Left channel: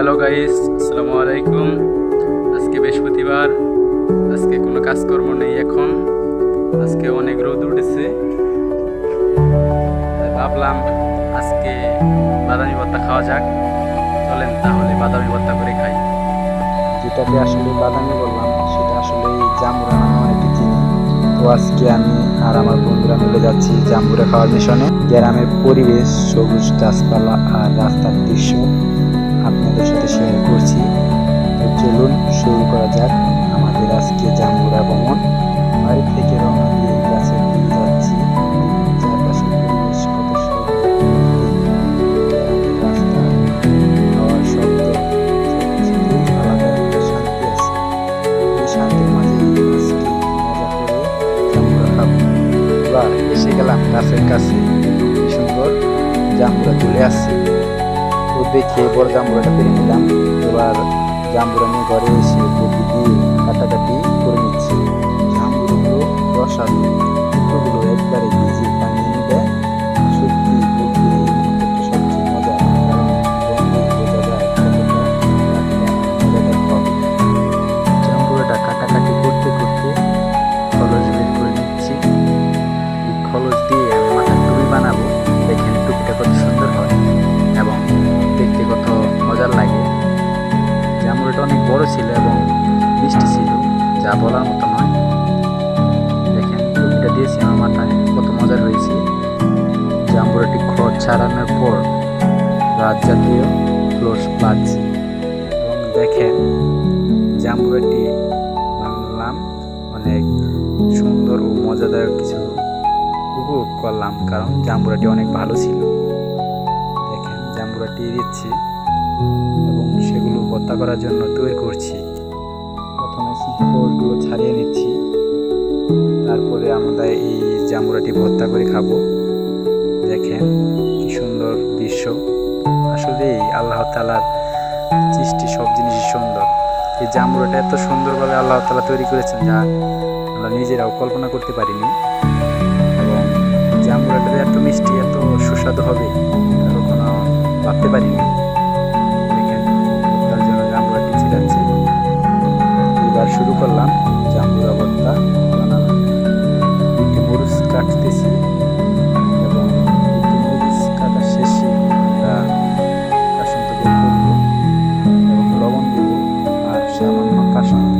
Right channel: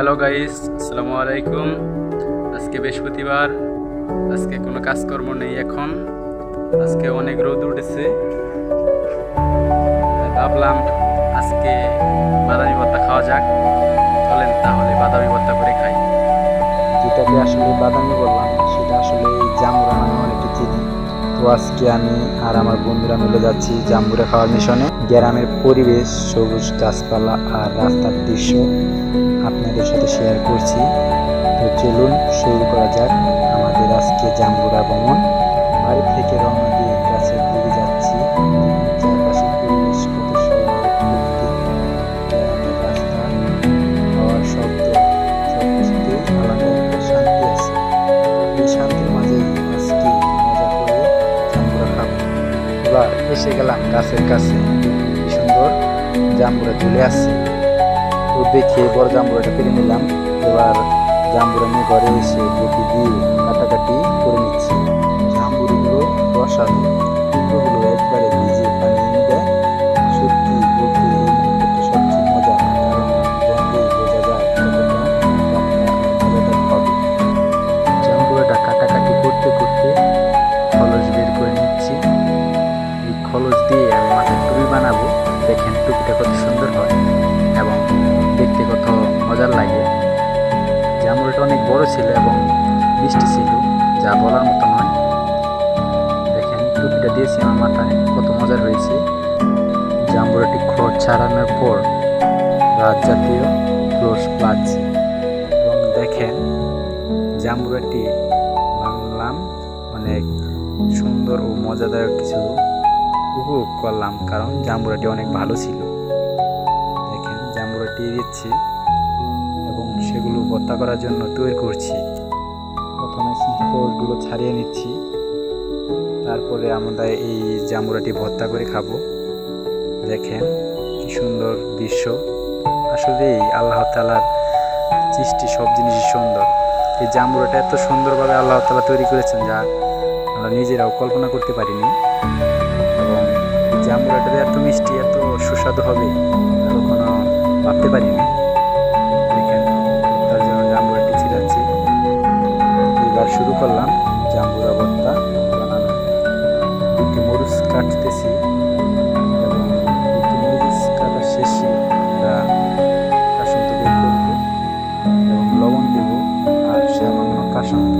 Hello guys আসসালামু আলাইকুম আজকে বৃহস্পতিবার। আজকে কোনো কাজকর্ম নেই এখন। আজকে অনেক রোদ উঠেছে। ভাবলাম আজকে বাদামি ভর্তা খাওয়া যাক। চলেন তাহলে বাদামি ভর্তা করে খাই। যেটাকে আসলে বাদামি বললাম, সেটা আসলে জামুরা নামে অনেকে চিনি। তো আজকে আমি আর আমার বন্ধুরা মিলে যাচ্ছি জাম্বুরা খাওয়ার মিশনে। গ্রামের পরিবেশ, সবুজ গাছপালা আর রাস্তার দৃশ্য। আপনাদের সাথে শেয়ার করছি। তো চলুন শুরু করা যাক আমাদের আজকে জাম্বুরা ভ্রমণ। বাড়ি থেকে রওনা দিয়ে গাছের দিকে যাচ্ছি। চারপাশের পরিবেশ কত সুন্দর রাস্তা, হাওয়ার শব্দ সব কিছুতেই আলাদা একটা শান্তি আছে। এই শান্তির মাঝেই আজকে মজা করে জাম্বুরা খাব। এবার এসে গেলাম গাছের কাছে। কি সুন্দর জাম্বুরা চলে আসছে তো দেখে বড় জাম্বুরাটা পেরে নিলাম। এবার জাম্বুরা নিয়ে ঘরে এসে বটি দিয়ে কাটাকাটি করে নিচ্ছি। জাম্বুরগুলো রসালো, টুকরোগুলো একবারে ভিজিয়ে পানি এনে দেয়। সত্যি বলতে এই মুহূর্তটা সবচেয়ে মজার, কারণ গন্ধেই বোঝা যায় কতটা টাটকা মজাদার হবে। জাম্বুরাটা কাটাকাটি করতে করতে খলস বের করে নিচ্ছি। এই খলস দিয়ে আমি মাথার টুপি বানাবো। দেখেন টুপিটা কত সুন্দর হয়। এবং দেখতে কত মজার লাগে। জামুরাটা অনেক বড় ছিল এবং মিষ্টি ছিল, যা বলার মতো নয়। দেখেন, টুপিটা দিয়েছি আমার মাথায়, কত মজার হয়েছে। জাম্বুরাটি ক্রস ছাড়ানোর পর রাত জাতীয় ক্লোজ প্লাচ্ছি এবং দেখেন জাম্বুরাটি বাংলাম অনেক সুন্দর ও মজাদায়ক কিছু উপভোগ করলাম, কারণ জাম্বুরাটি অনেক ভালো ছিল। দেখেন জাম্বুরাটি দিচ্ছি এবং সেগুলো ভর্তা করার জন্য তৈরি করছি। প্রথমে ক্লোজগুলো ছাড়িয়ে নিচ্ছি। তারপরে আমরা এই জাম্বুরাটি ভর্তা করে খাব। দেখেন কি সুন্দর দৃশ্য। আসলেই আল্লাহ তালার সৃষ্টি সব জিনিসই সুন্দর। এই জাম্বুরাটা এত সুন্দরভাবে আল্লাহ তালা তৈরি করেছেন যা আমরা নিজেরাও কল্পনা করতে পারিনি। এবং এই জাম্বুরাটা এত মিষ্টি, এত সুস্বাদু হবে তা কখনো ভাবতে পারিনি। দেখেন ভর্তার জন্য জাম্বুরাটি ছিলাচ্ছি এবার শুরু করলাম জাম্বুরা ভর্তা বানানো। দুটি মরিচ কাটতেছি এবং দুটি মরিচ কাটার শেষে আমরা কাসন্ত বের করব এবং লবণ দেব আর সামান্য কাসন্ত।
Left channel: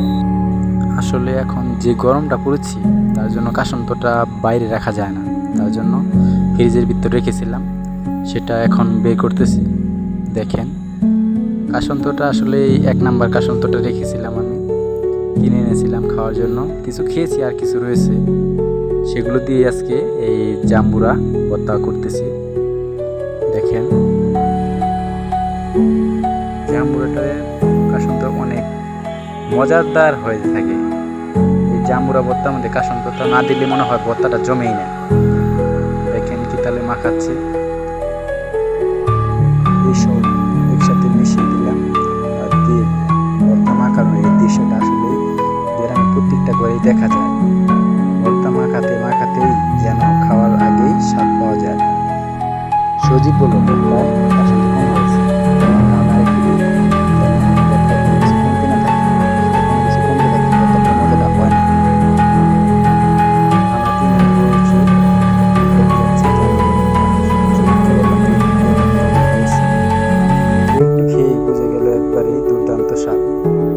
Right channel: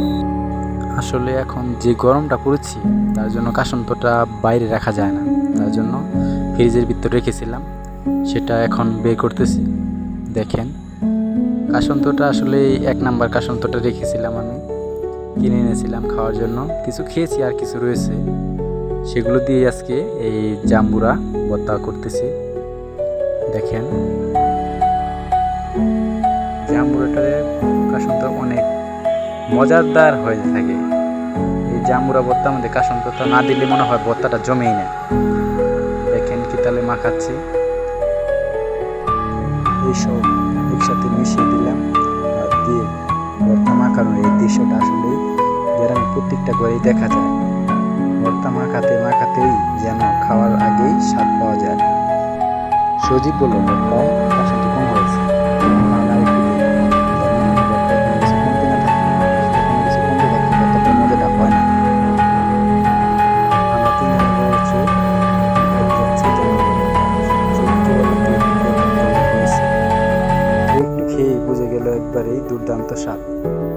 আসলে এখন যে গরমটা পড়েছি, তার জন্য কাসন্তটা বাইরে রাখা যায় না। তার জন্য ফ্রিজের ভিতরে রেখেছিলাম। সেটা এখন বের করতেছি। দেখেন কাসন্তটা আসলে এক নাম্বার কাসন্তটা রেখেছিলাম আমি। কিনে এনেছিলাম খাওয়ার জন্য। কিছু খেয়েছি আর কিছু রয়েছে। সেগুলো দিয়ে আজকে এই জাম্বুরা ভর্তা করতেছি। দেখেন, জাম্বুরাটারে কাসন্ত অনেক মজাদার হয়ে থাকে। এই জাম্বুরা ভর্তার মধ্যে কাসন্তটা না দিলে মনে হয় ভর্তাটা জমেই না। দেখেন কি তাহলে মাখাচ্ছি। এইসব একসাথে মিশিয়ে দিলাম আর দিয়ে ভর্তা মাখানোর এই দৃশ্যটা আসলেই গ্রামে প্রত্যেকটা ঘরেই দেখা যায়। ভর্তা মাখাতে মাখাতেই যেন খাওয়ার আগেই স্বাদ পাওয়া যায়। সজীব বলল, ভর্তায় কাসন্ত কম হয়েছে। বললাম, তাহলে আর একটু দিই যেন ভর্তায় কোনো কিছু কমতে না থাকে। আসলে কোনো কিছু কমতে থাকলে ভর্তাটার মজাটা হয় না। আমরা তিনজনে বসে খেতে যাচ্ছি জামুরের ভর্তা। শরীরকে বললাম, তুই একটু খেয়ে কেমন হয়েছে। একটু খেয়েই বুঝে গেল একবারেই দুর্দান্ত স্বাদ।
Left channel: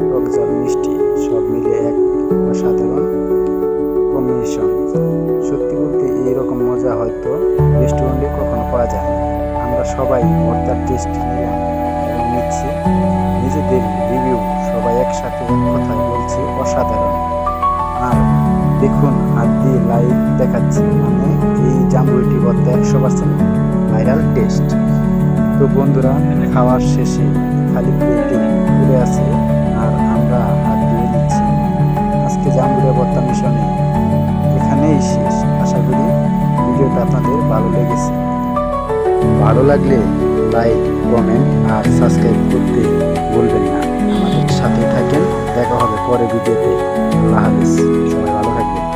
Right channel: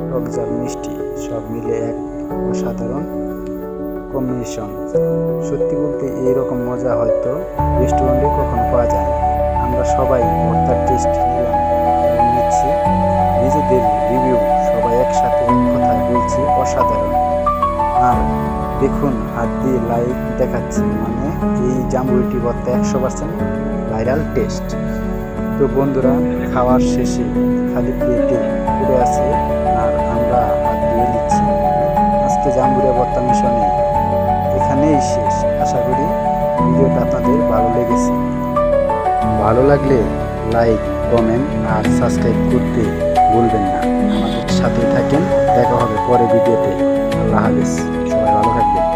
টক ঝাল মিষ্টি, সব মিলে এক অসাধারণ কম্বিনেশন সত্যি বলতে এইরকম মজা হয়তো রেস্টুরেন্টে কখনো পাওয়া যায় না আমরা সবাই ভর্তার টেস্ট নিলাম এবং নিচ্ছি। নিজেদের রিভিউ সবাই একসাথে এক কথায় বলছি, অসাধারণ। আর দেখুন, হাত দিয়ে লাইভ দেখাচ্ছি। মানে এই জাম্বুরিটি ভর্তা একশো পার্সেন্ট ভাইরাল টেস্ট তো বন্ধুরা, খাওয়ার শেষে খালি প্লেটে পড়ে আছে আর আমরা হাত দিয়ে দিচ্ছি আজকে জাম্বুরিয়া ভর্তা মিশনে এখানেই শেষ। আশা করি ভিডিওটা আপনাদের ভালো লেগেছে। ভালো লাগলে লাইক, কমেন্ট আর সাবস্ক্রাইব করতে ভুলবেন না। আমাদের সাথে থাকেন। দেখা হবে পরে ভিডিওতে। আল্লাহ হাফেজ।